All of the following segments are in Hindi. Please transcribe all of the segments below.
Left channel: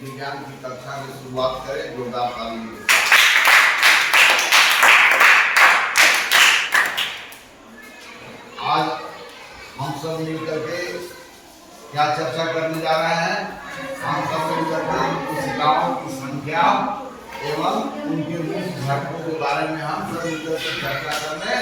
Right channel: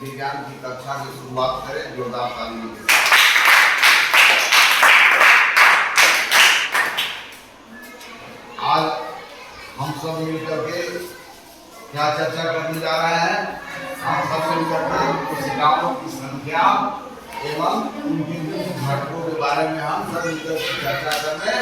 विज्ञान की कक्षा की शुरुआत करें जोरदार तालियों के साथ। आज हम सब मिलकर के क्या चर्चा करने जा रहे हैं? हम सब मिलकर के कोशिकाओं की संख्या एवं उनके मुख्य घटकों के बारे में हम सब मिलकर के चर्चा करने।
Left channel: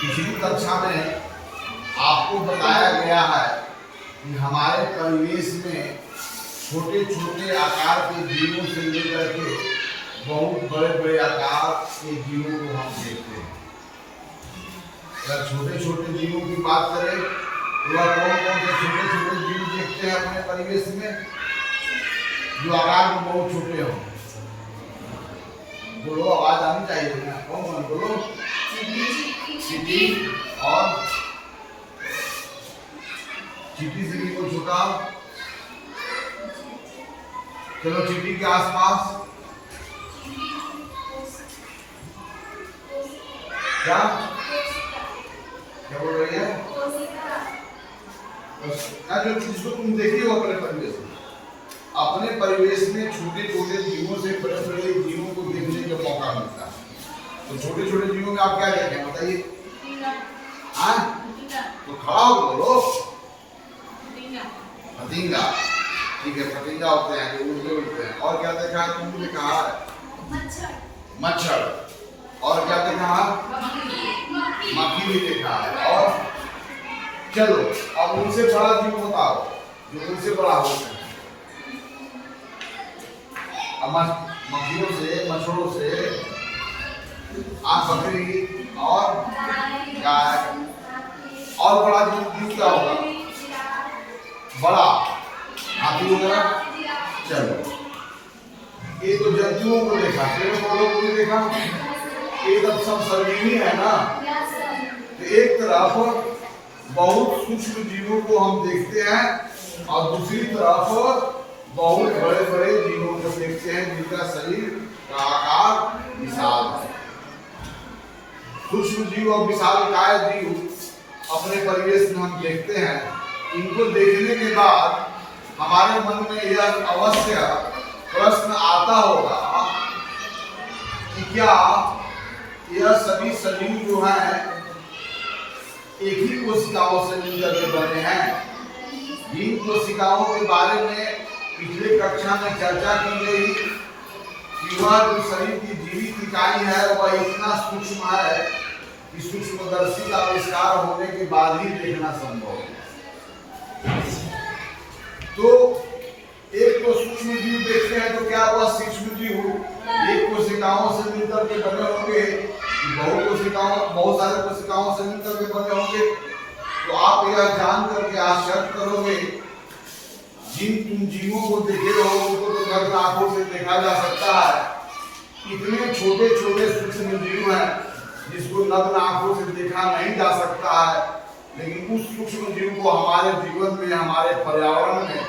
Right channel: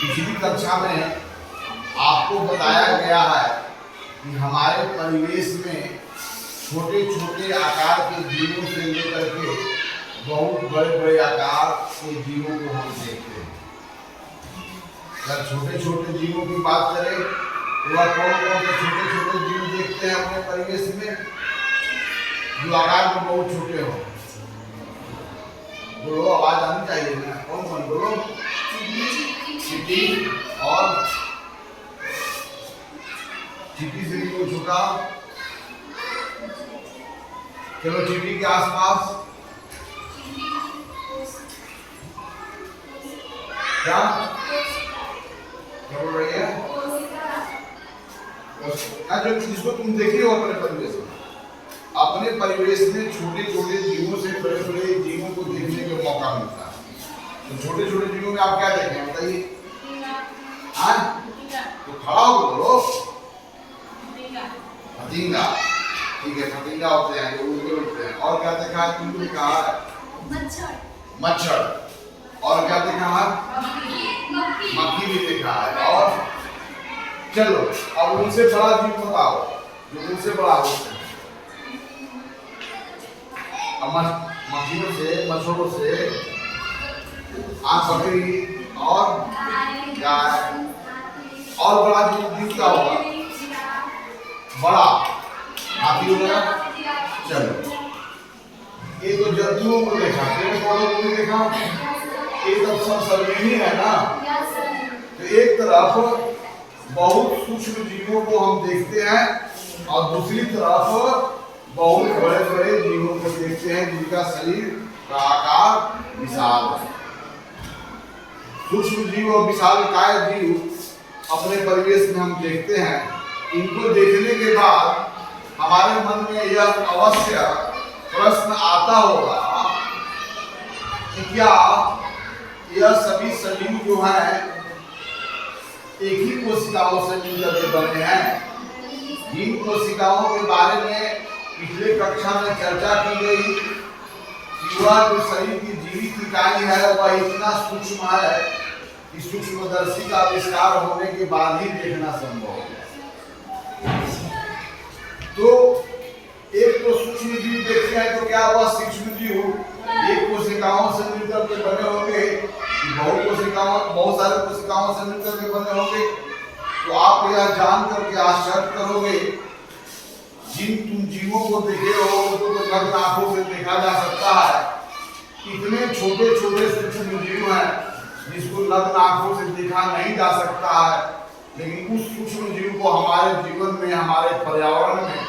पिछली कक्षा में आपको बताया गया है कि हमारे परिवेश में छोटे छोटे आकार के जीवों से लेकर के बहुत बड़े बड़े आकार के जीवों को हम देखते हैं। अगर छोटे छोटे जीवों की बात करें तो वह कौन कौन से छोटे छोटे जीव देखते हैं अपने परिवेश में जो आकार में बहुत छोटे हो? बोलो, आवाज आनी चाहिए ना। कौन कौन? बोलो। चींटी और चींटी से भी कोई छोटा? चलो चींटी के आसपास क्या क्या बोल रही है? जो जिसको तुम देखी हो अपने परिवेश में, अपने परिवेश में छोटे छोटे जीवों से बड़े बड़े जीवों को देखने का मौका मिलता है। तो छोटे छोटे जीवों में आप क्या देखें बताइए? हाँ, तो खड़ा हो बोलो। फतिंगा, ठीक है, फतिंगा होते हैं जो उड़ते हैं। और क्या देखा है तुमने? कहा है मच्छर। मच्छर। और क्या देखा है? मक्खी भी देखा है। और चलो अब उनसे बड़ा जीव बताओ जो उनसे बड़ा होते हैं। मक्खियों से, मच्छरों से, बकरी और गाय। और बड़ा जीव क्या होगा? बड़ा हाथी वगैरह। चलो ये तो जंतुओं को देखा, पेड़ पौधों को भी देखा। ये सब सर्वजनीन है ना। तो एक तरफ बहुत सूक्ष्म जीवों को हम देखते हैं और दूसरी तरफ बहुत बड़े बड़े जीवों को देखते हैं जिनका शरीर का आकार विशाल है। सूक्ष्म जीव और विशालकाय जीव अपने परिवेश में हम देखते हैं। इनको देखने के बाद हमारे मन में यह अवश्य प्रश्न आता होगा कि क्या यह सभी सजीव जो हैं एक ही कोशिकाओं से मिलकर के बने हैं? जिन कोशिकाओं के बारे में पिछले कक्षा में चर्चा की गई कि वह जो शरीर की जीवित इकाई है वह इतना सूक्ष्म है कि सूक्ष्मदर्शी का आविष्कार होने के बाद ही देखना संभव है। तो एक तो सूक्ष्म जीव देखते हैं तो क्या वह सूक्ष्म जीव एक कोशिकाओं से मिलकर के बने होंगे, बहुत सारे कोशिकाओं से मिलकर के बने होंगे? तो आप यह जान करके आश्चर्य करोगे जिन तुम जीवों को देखे हो उनको तो नग्न आंखों से देखा जा सकता है। इतने छोटे छोटे सूक्ष्म जीव हैं जिसको नग्न आंखों से देखा नहीं जा सकता है, लेकिन उस सूक्ष्म जीव को हमारे जीवन में, हमारे पर्यावरण में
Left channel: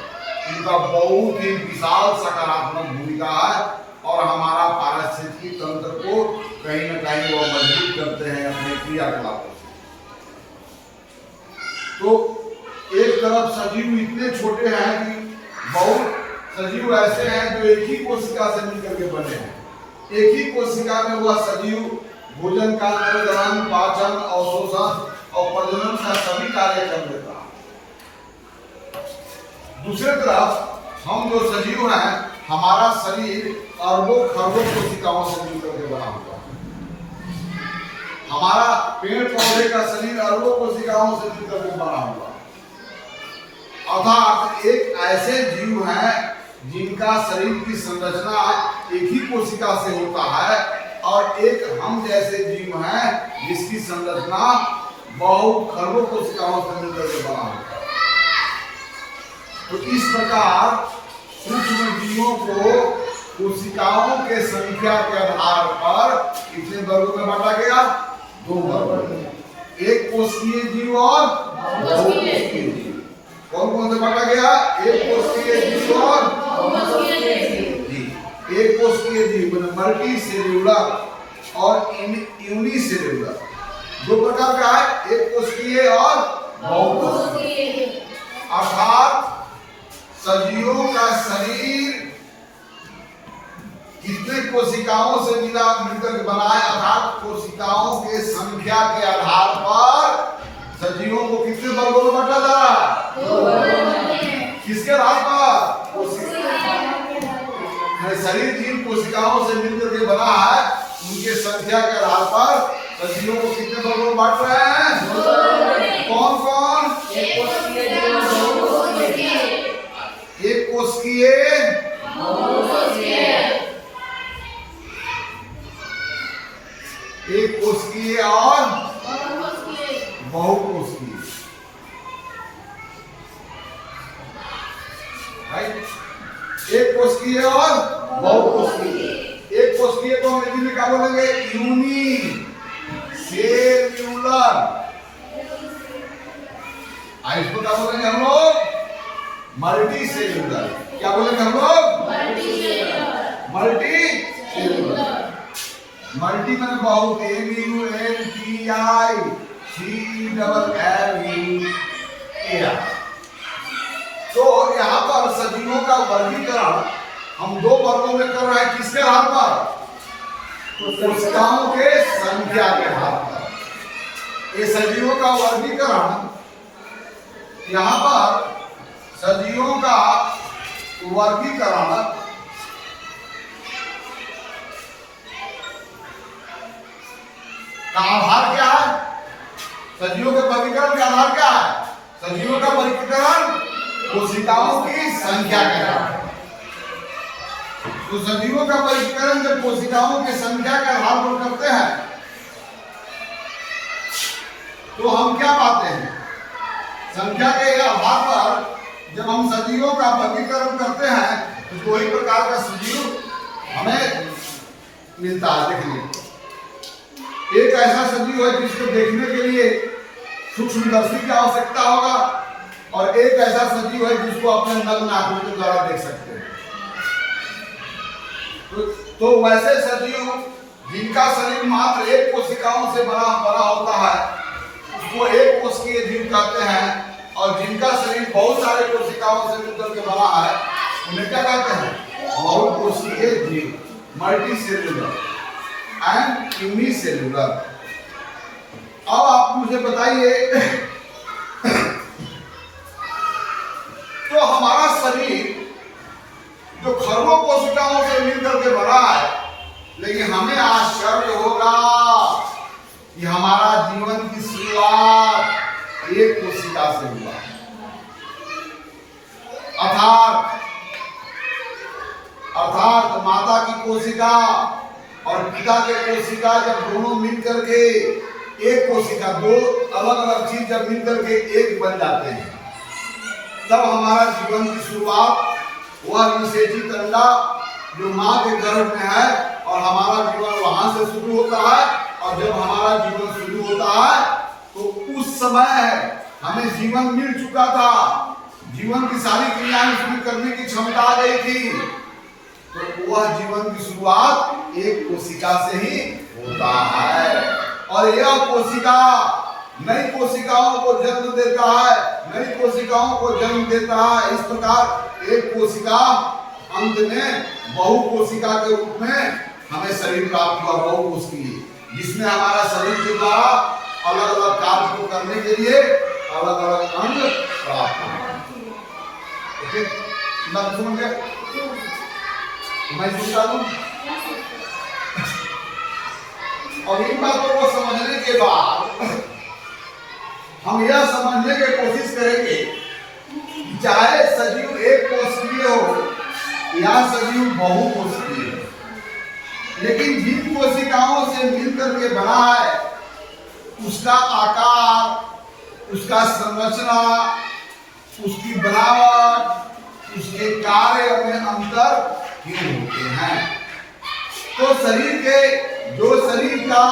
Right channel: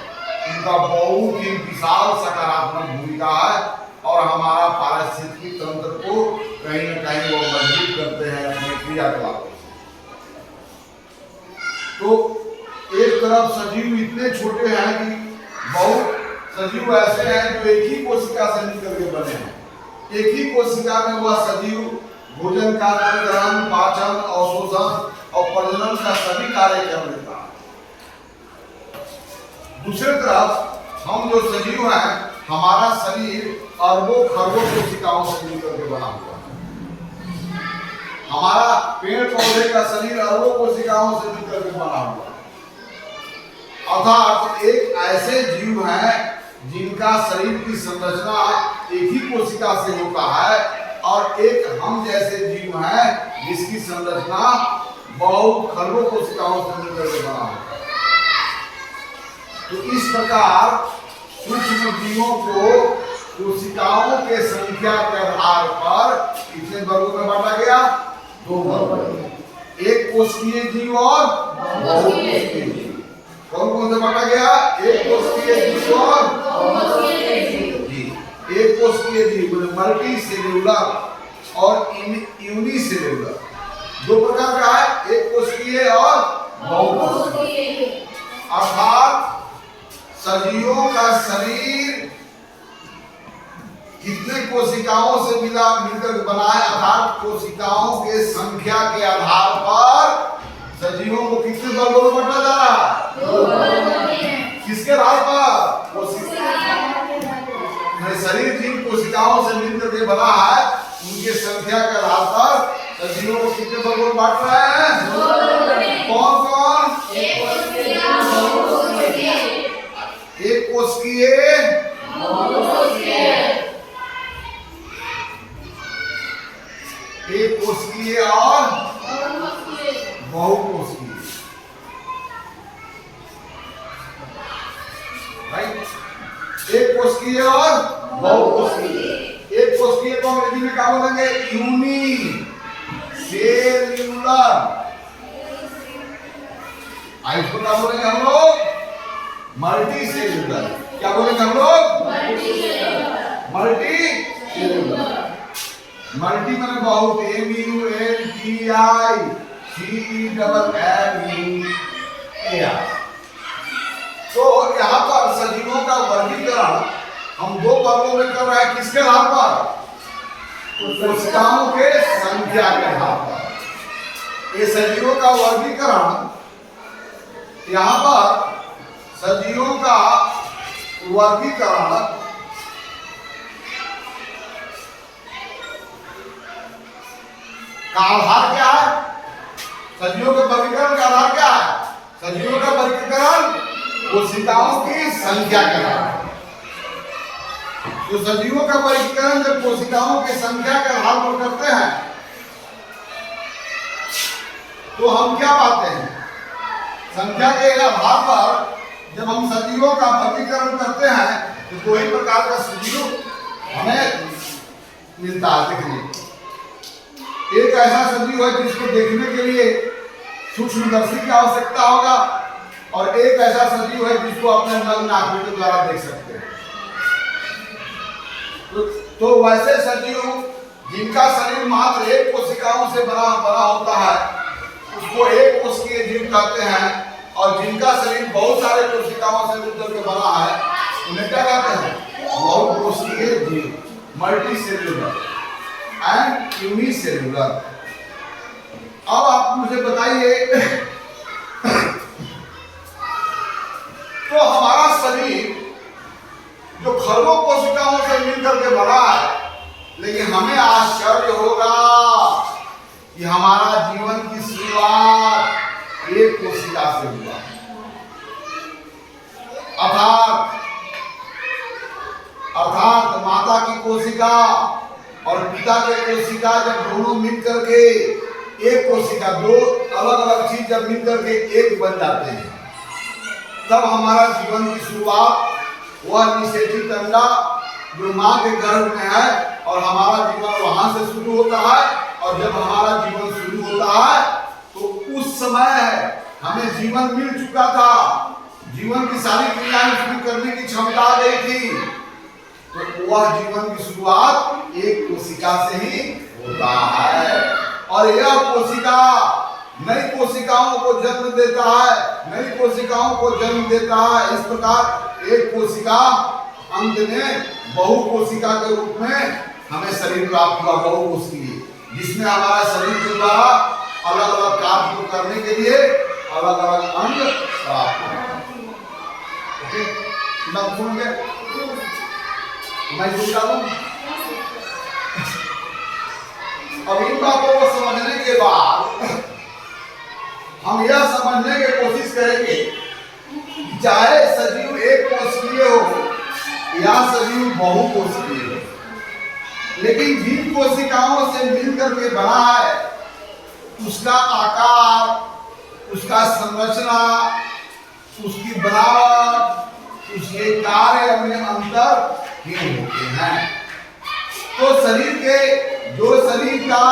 इनका बहुत ही विशाल सकारात्मक भूमिका है और हमारा पारिस्थितिकी तंत्र को कहीं न कहीं वो मजबूत करते हैं अपने क्रियाकलापों से। तो एक तरफ सजीव इतने छोटे हैं कि बहुत सजीव ऐसे हैं जो एक ही कोशिका से मिलकर के बने हैं। एक ही कोशिका में वह सजीव भोजन का ग्रहण, पाचन, अवशोषण और प्रजनन का सभी कार्य कर लेता है। दूसरी तरफ हम जो सजीव हैं, हमारा शरीर अरबों खरबों कोशिकाओं से मिलकर के बना हुआ है। हमारा पेड़ पौधे का शरीर अरबों कोशिकाओं से मिलकर के बना हुआ है। अर्थात एक ऐसे जीव हैं जिनका शरीर की संरचना एक ही कोशिका से होता है और एक हम जैसे जीव हैं जिसकी संरचना बहुत खरबों कोशिकाओं से मिलकर के बना होता है। तो इस प्रकार सूक्ष्म जीवों को कोशिकाओं के संख्या के आधार पर कितने वर्गों में बांटा गया? 2 वर्ग। एक कोशिकीय जीव और बहुकोशिकीय जीव। कौन कौन से बांटा गया? एक कोशिकीय जीव और एक कोशिकीय जीव मल्टी सेल्यूलर और यूनिसेल्यूलर। 2 प्रकार का है, एक कोशिकीय और बहुकोशिकीय। अर्थात सजीवों का शरीर कितने कोशिकाओं से मिलकर बना है, अर्थात कोशिकाओं के संख्या के आधार पर सजीवों को कितने वर्गों में बांटा जा रहा है? किसके आधार पर? शरीर जिन कोशिकाओं से मिलकर के बना है उनके संख्या के आधार पर सजीवों को कितने वर्गों में बांट रहे हैं? कौन कौन? एक कोशिकीय, एक कोशिकीय और बहुकोशिकीय। राइट? एक कोशिकीय और बहुकोशिकीय। एक कोशिकीय को अंग्रेजी में क्या बोलेंगे? Unicellular. इसको क्या बोलेंगे हम लोग? Multicellular. क्या बोलेंगे हम लोग? Multi cellular. मल्टी में बहुत, MULTICELLULAR। तो यहाँ पर सजीवों का वर्गीकरण हम दो वर्गों में कर रहे हैं। किसके आधार पर? कोशिकाओं के संख्या के आधार पर। ये सजीवों का वर्गीकरण, यहाँ पर सजीवों का वर्गीकरण का आधार क्या है? सजीवों के वर्गीकरण का आधार क्या है? सजीवों का वर्गीकरण कोशिकाओं की संख्या के आधार पर। तो सजीवों का वर्गीकरण जब कोशिकाओं की संख्या के आधार पर करते हैं तो हम क्या पाते हैं? संख्या के आधार पर जब हम सजीवों का वर्गीकरण करते हैं तो दो ही प्रकार का सजीव हमें मिलता है देखने। एक ऐसा सजीव है जिसको देखने के लिए सूक्ष्मदर्शी की आवश्यकता होगा, और एक ऐसा सजीव है जिसको अपने नग्न आंखों के द्वारा देख सकते हैं। तो वैसे सजीव जिनका शरीर मात्र एक कोशिकाओं से बना होता है उसको एक कोशिकीय जीव कहते हैं, और जिनका शरीर बहुत सारे कोशिकाओं से मिलकर के बना है उन्हें क्या कहते हैं? बहुकोशिकीय जीव, मल्टी सेल्यूलर एंड यूनिसेल्यूलर। अब आप मुझे बताइए, तो हमारा शरीर जो खरबों कोशिकाओं से मिलकर के बना है, लेकिन हमें आश्चर्य होगा कि हमारा जीवन की शुरुआत एक कोशिका से हुआ। अर्थात माता की कोशिका और पिता के कोशिका जब दोनों मिलकर के एक कोशिका, दो अलग अलग चीज जब मिलकर के एक बन जाते हैं, तब हमारा जीवन की शुरुआत वह निषेचित अंडा जो माँ के गर्भ में है, और हमारा जीवन वहां से शुरू होता है। और जब हमारा जीवन शुरू होता है तो उस समय हमें जीवन मिल चुका था, जीवन की सारी क्रियाएं शुरू करने की क्षमता आ गई थी। तो वह जीवन की शुरुआत एक कोशिका से ही होता है, और यह कोशिका नई कोशिकाओं को जन्म देता है, नई कोशिकाओं को जन्म देता है। इस प्रकार एक कोशिका अंत में बहुकोशिका के रूप में हमें शरीर प्राप्त हुआ, बहुकोशिकीय, जिसमें हमारा शरीर के द्वारा अलग अलग कार्य को करने के लिए अलग अलग अंग प्राप्त हुआ। ओके, बात समझ गए? मैं पूछता हूं, अब इन बातों को समझने के बाद हम यह समझने की कोशिश करेंगे कि चाहे सजीव एक कोशिकीय हो या सजीव बहुकोशिकीय हो, लेकिन जिन कोशिकाओं से मिलकर के बना है उसका आकार, उसका संरचना, उसकी बनावट, उसके कार्य में अंतर होते हैं। तो शरीर का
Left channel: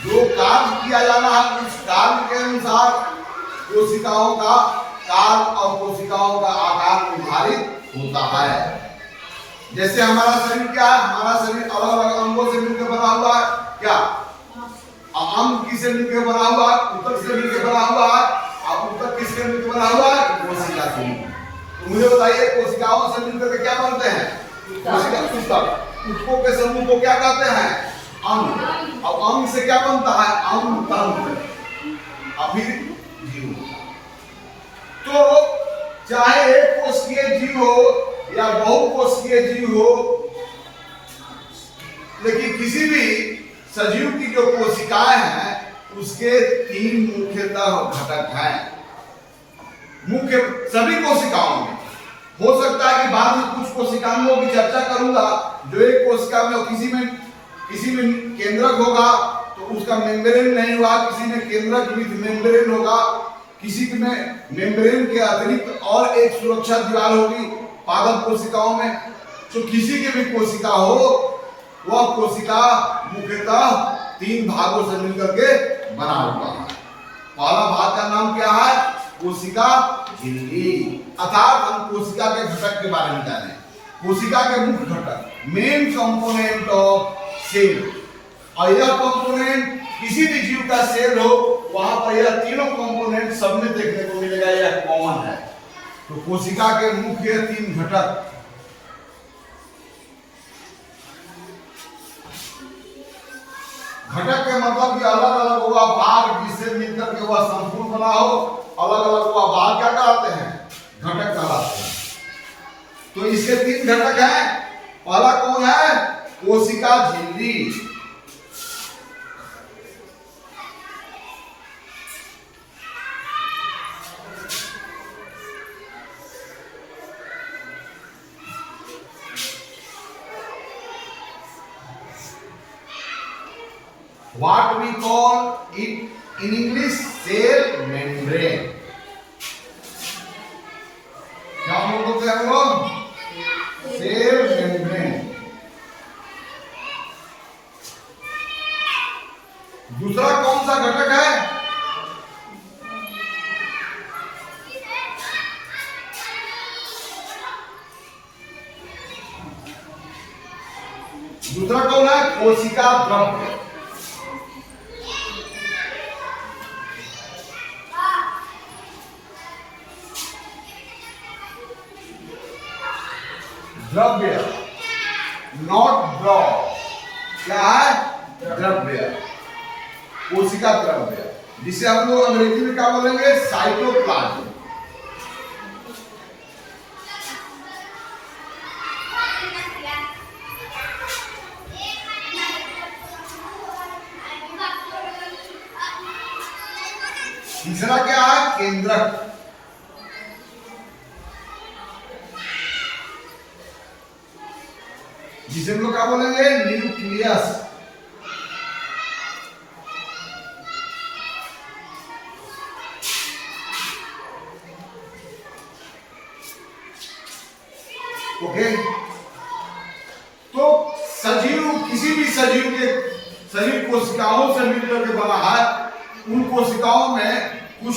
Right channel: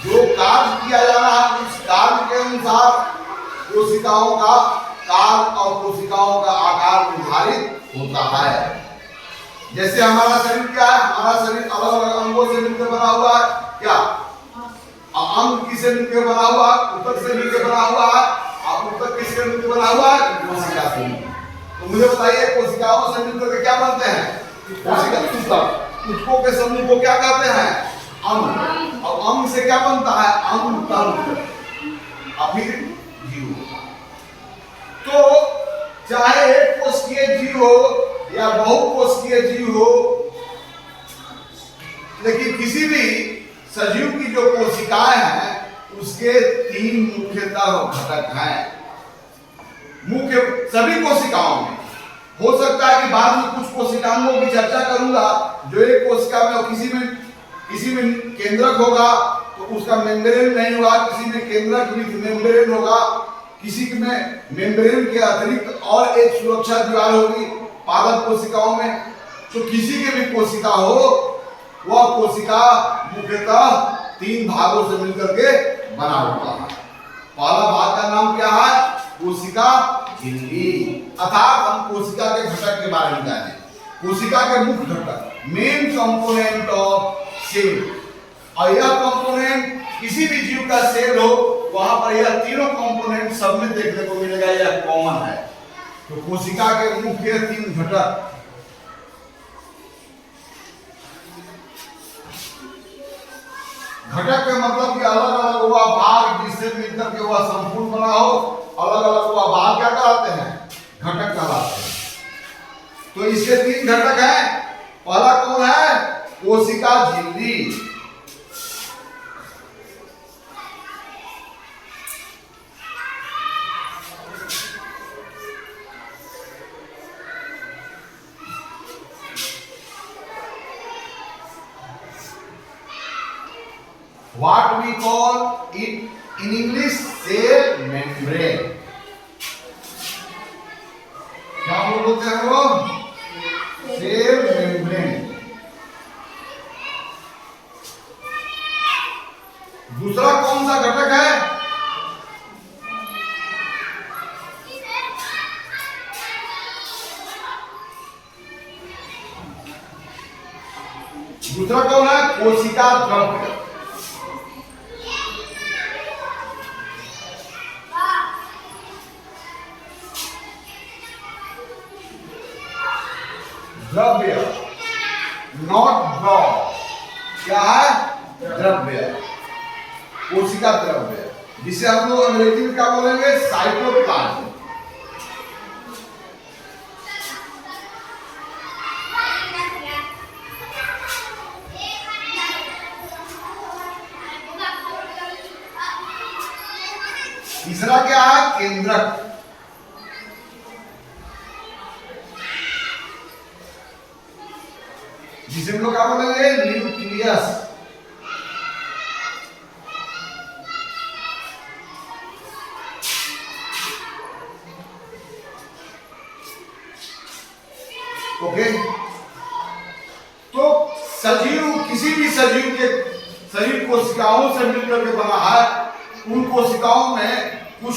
जो कार्य किया जा रहा है उस कार्य के अनुसार कोशिकाओं का कार्य और कोशिकाओं का आकार निर्धारित होता है। जैसे हमारा शरीर क्या है? हमारा शरीर अलग अलग अंगों से मिलकर बना हुआ है। क्या अंग किससे मिलकर बना हुआ है? ऊतक से मिलकर बना हुआ है। और ऊतक किससे मिलकर बना हुआ है? कोशिका से। तो मुझे बताइए कोशिकाओं से मिलकर के क्या बनते हैं? कोशिका ऊतक। ऊतकों के समूह को क्या कहते हैं? अंग। अब अंग से क्या बनता है? अंग तंत्र, और फिर जीव। तो चाहे एक कोशिकीय जीव हो या बहुकोशिकीय जीव हो, लेकिन किसी भी सजीव की जो कोशिकाएं हैं उसके तीन मुख्यतः घटक हैं। मुख्य सभी कोशिकाओं में हो सकता है कि बाद में कुछ कोशिकाओं की चर्चा करूंगा जो एक कोशिका में और किसी में केंद्रक होगा तो उसका मेम्ब्रेन नहीं होगा, किसी में केंद्रक विथ मेम्ब्रेन होगा, किसी में मेम्ब्रेन के अतिरिक्त और एक सुरक्षा दीवार होगी पादप कोशिकाओं में। तो किसी के भी कोशिका हो वह कोशिका मुख्यतः तीन भागों से मिलकर के बना हुआ है। पहला भाग का नाम क्या है? कोशिका झिल्ली, अर्थात हम कोशिका के घटक के बारे में जाने। कोशिका के मुख्य घटक, मेन कंपोनेंट ऑफ सेल, और यह कंपोनेंट किसी भी जीव का सेल हो वहां पर यह तीनों कंपोनेंट सब में देखने को मिलेगा, यह कॉमन है। तो कोशिका के मुख्य तीन घटक, घटक के मतलब कि अलग अलग हुआ भाग जिससे मिलकर के वह संपूर्ण बना हो, अलग अलग हुआ भाग क्या कहलाते हैं? घटक कहलाते हैं। तो इसके तीन घटक हैं। पहला कौन है? कोशिका झिल्ली। What we call it in English cell membrane। क्या हम लोग बोलते हैं वो? Cell membrane. दूसरा कौन सा घटक है? दूसरा कौन है? कोशिका द्रव्य। द्रव्य, नॉट ड्रॉप। क्या है? द्रव्य, कोशिका द्रव्य, जिसे हम लोग अंग्रेजी में क्या बोलेंगे? साइटोप्लाज्म। तीसरा क्या है? केंद्रक। जिसे हम लोग क्या बोलेंगे? न्यूक्लियस। ओके। तो सजीव, किसी भी सजीव के शरीर कोशिकाओं से मिलकर के बना है। उन कोशिकाओं में कुछ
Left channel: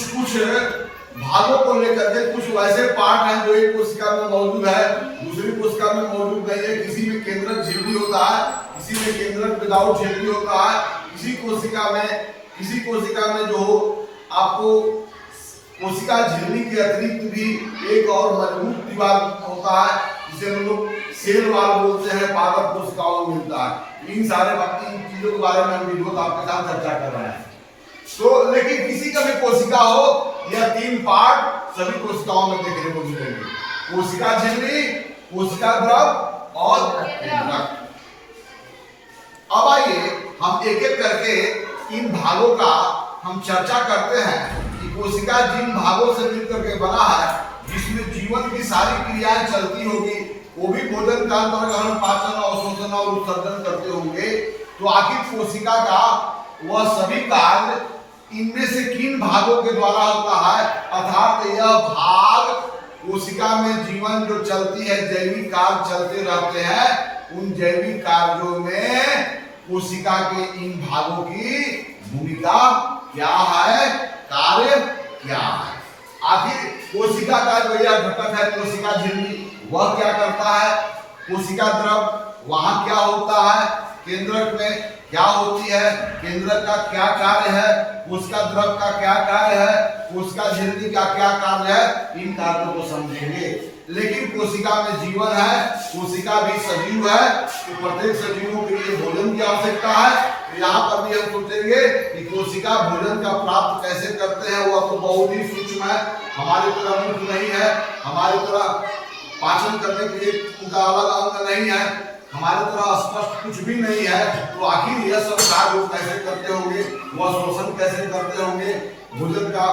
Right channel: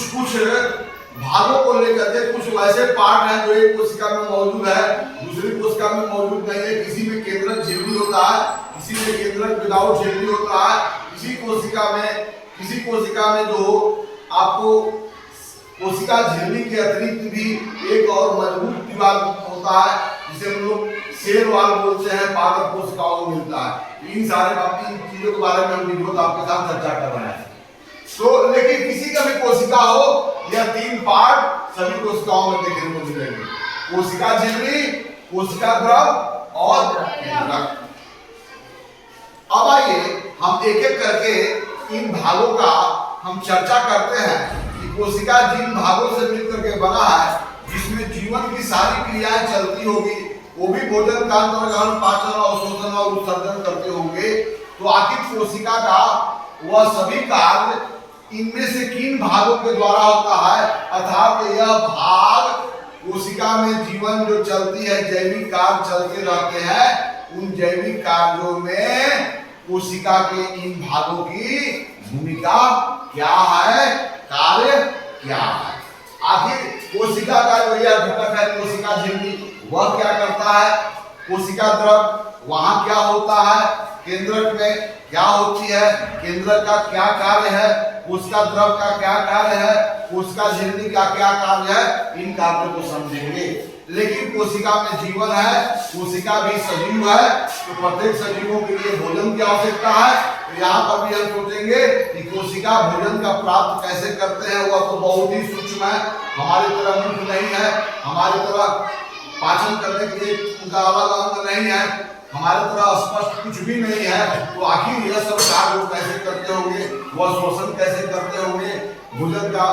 भागों को लेकर के कुछ वैसे पार्ट हैं जो एक कोशिका में मौजूद है, दूसरी कोशिका में मौजूद नहीं है। किसी में केंद्रक झिल्ली होता है, किसी में केंद्रक विदाउट झिल्ली होता है। किसी कोशिका में जो आपको कोशिका झिल्ली के अतिरिक्त भी एक और मजबूत दीवार होता है जिसे हम लोग सेल वॉल बोलते हैं, पादप कोशिकाओं में मिलता है। इन सारे बाकी चीजों के बारे में हम वीडियो आपके साथ चर्चा कर रहे हैं। तो लेकिन किसी का भी कोशिका हो, यह तीन पार्ट सभी कोशिकाओं में देखने को मिलेंगे। कोशिका झिल्ली, कोशिका द्रव और केंद्रक। अब आइए हम एक एक करके इन भागों का हम चर्चा करते हैं कि कोशिका जिन भागों से मिलकर के बना है, जिसमें जीवन की सारी क्रियाएं चलती होगी, वो भी भोजन कांतरण पाचन और शोषण और उत्सर्जन करते होंगे। तो आखिर कोशिका का वह सभी कार्य इनमें से किन भागों के द्वारा होता है? अर्थात यह भाग कोशिका में जीवन जो चलती है, जैविक कार्य चलते रहते हैं, उन जैविक कार्यों में कोशिका के इन भागों की भूमिका क्या है, कार्य क्या है? आखिर कोशिका का जो यह घटक है कोशिका झिल्ली, वह क्या करता है? कोशिका द्रव वहां क्या होता है? केंद्रक में क्या होती है? केंद्रक का क्या कार्य है? कोशिका द्रव का क्या कार्य है? कोशिका झिल्ली का क्या कार्य है? इन कार्यों को समझेंगे। लेकिन कोशिका में जीवन है, कोशिका भी सजीव है, तो प्रत्येक सजीवों के लिए भोजन की आवश्यकता है। तो यहाँ पर भी हम सोचेंगे कि कोशिका भोजन का प्राप्त कैसे करते हैं, वह तो बहुत ही सूक्ष्म है, हमारी तरह मुख नहीं है, हमारी तरह पाचन करने के लिए उनका अलग अंग नहीं है, हमारे तरह स्पष्ट कुछ भी नहीं है। तो आखिर यह सब कार्य वो कैसे करते होंगे, वह शोषण कैसे करते होंगे, भोजन का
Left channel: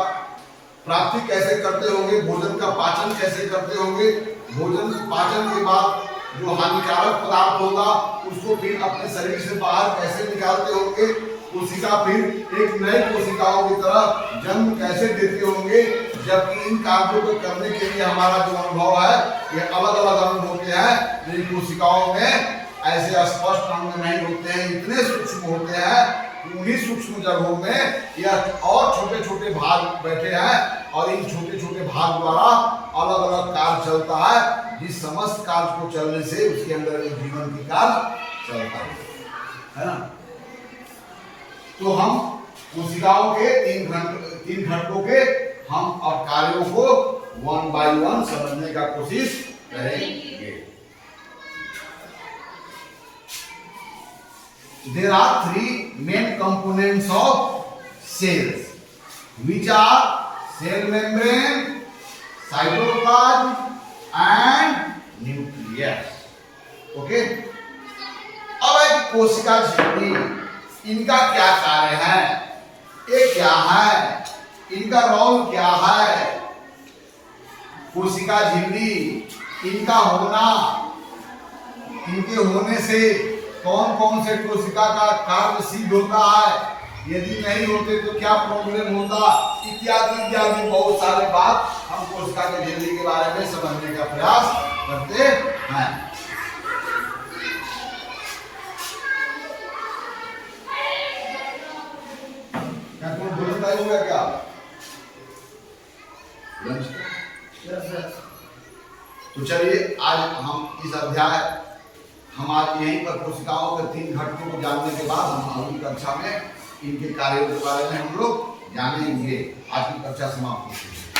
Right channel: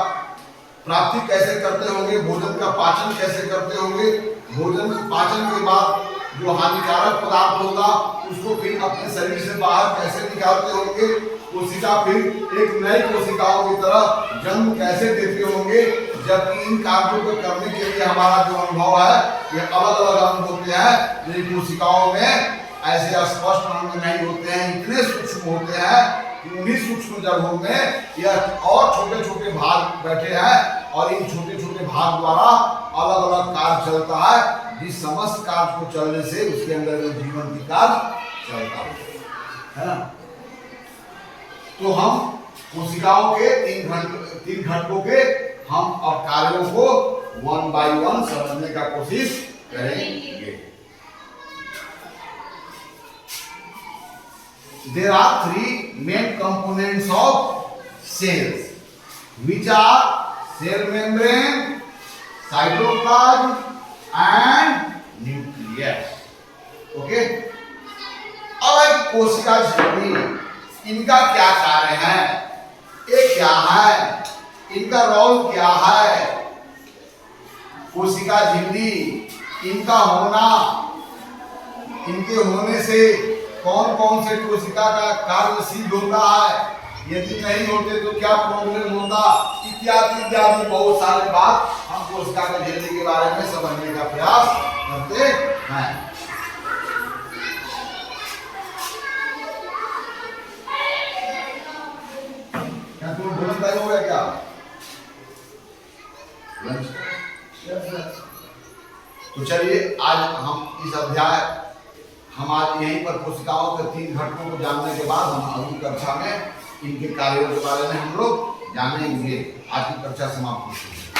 प्राप्ति कैसे करते होंगे, भोजन का पाचन कैसे करते होंगे, भोजन पाचन के बाद जो हानिकारक पदार्थ होगा उसको फिर अपने शरीर से बाहर कैसे निकालते होंगे, कोशिका फिर एक नई कोशिकाओं की तरह जन्म कैसे देते होंगे। जबकि इन कार्यों को करने के लिए हमारा जो अनुभव है ये अलग अलग अंग होते हैं, लेकिन कोशिकाओं में ऐसे स्पष्ट अंग नहीं होते हैं, इतने सूक्ष्म होते हैं कि उन्हीं सूक्ष्म जगहों में यह और छोटे छोटे भाग बैठे हैं और इन छोटे छोटे भाग द्वारा अलग अलग कार्य चलता है, जिस समस्त कार्य को चलने से उसके अंदर में जीवन की कार्य चलता है ना। तो हम कोशिकाओं के तीन घटकों के हम और कार्यों को वन बाय वन समझने का कोशिश करेंगे। There are three main components of cells, which are cell membrane, cytoplasm, and nucleus. Okay? अब एक कोशिका झिल्ली, इनका क्या कार्य है, ये क्या है, इनका रोल क्या है। कोशिका झिल्ली, इनका होना, इनके होने से कौन कौन से कोशिका का कार्य सिद्ध होता है, यदि नहीं होते तो क्या प्रॉब्लम होता, इत्यादि इत्यादि बहुत सारे बात हम कोशिका के झिल्ली के बारे में समझने का प्रयास करते हैं। क्या तुम्हें भोजन तय हो गया क्या? तो चलिए आज हम इस अध्याय हम आज यहीं पर कोशिकाओं के तीन घटकों को जानने के बाद हम अगली कक्षा में इनके कार्यों के बारे में हम लोग जानेंगे। आज की कक्षा समाप्त होती है।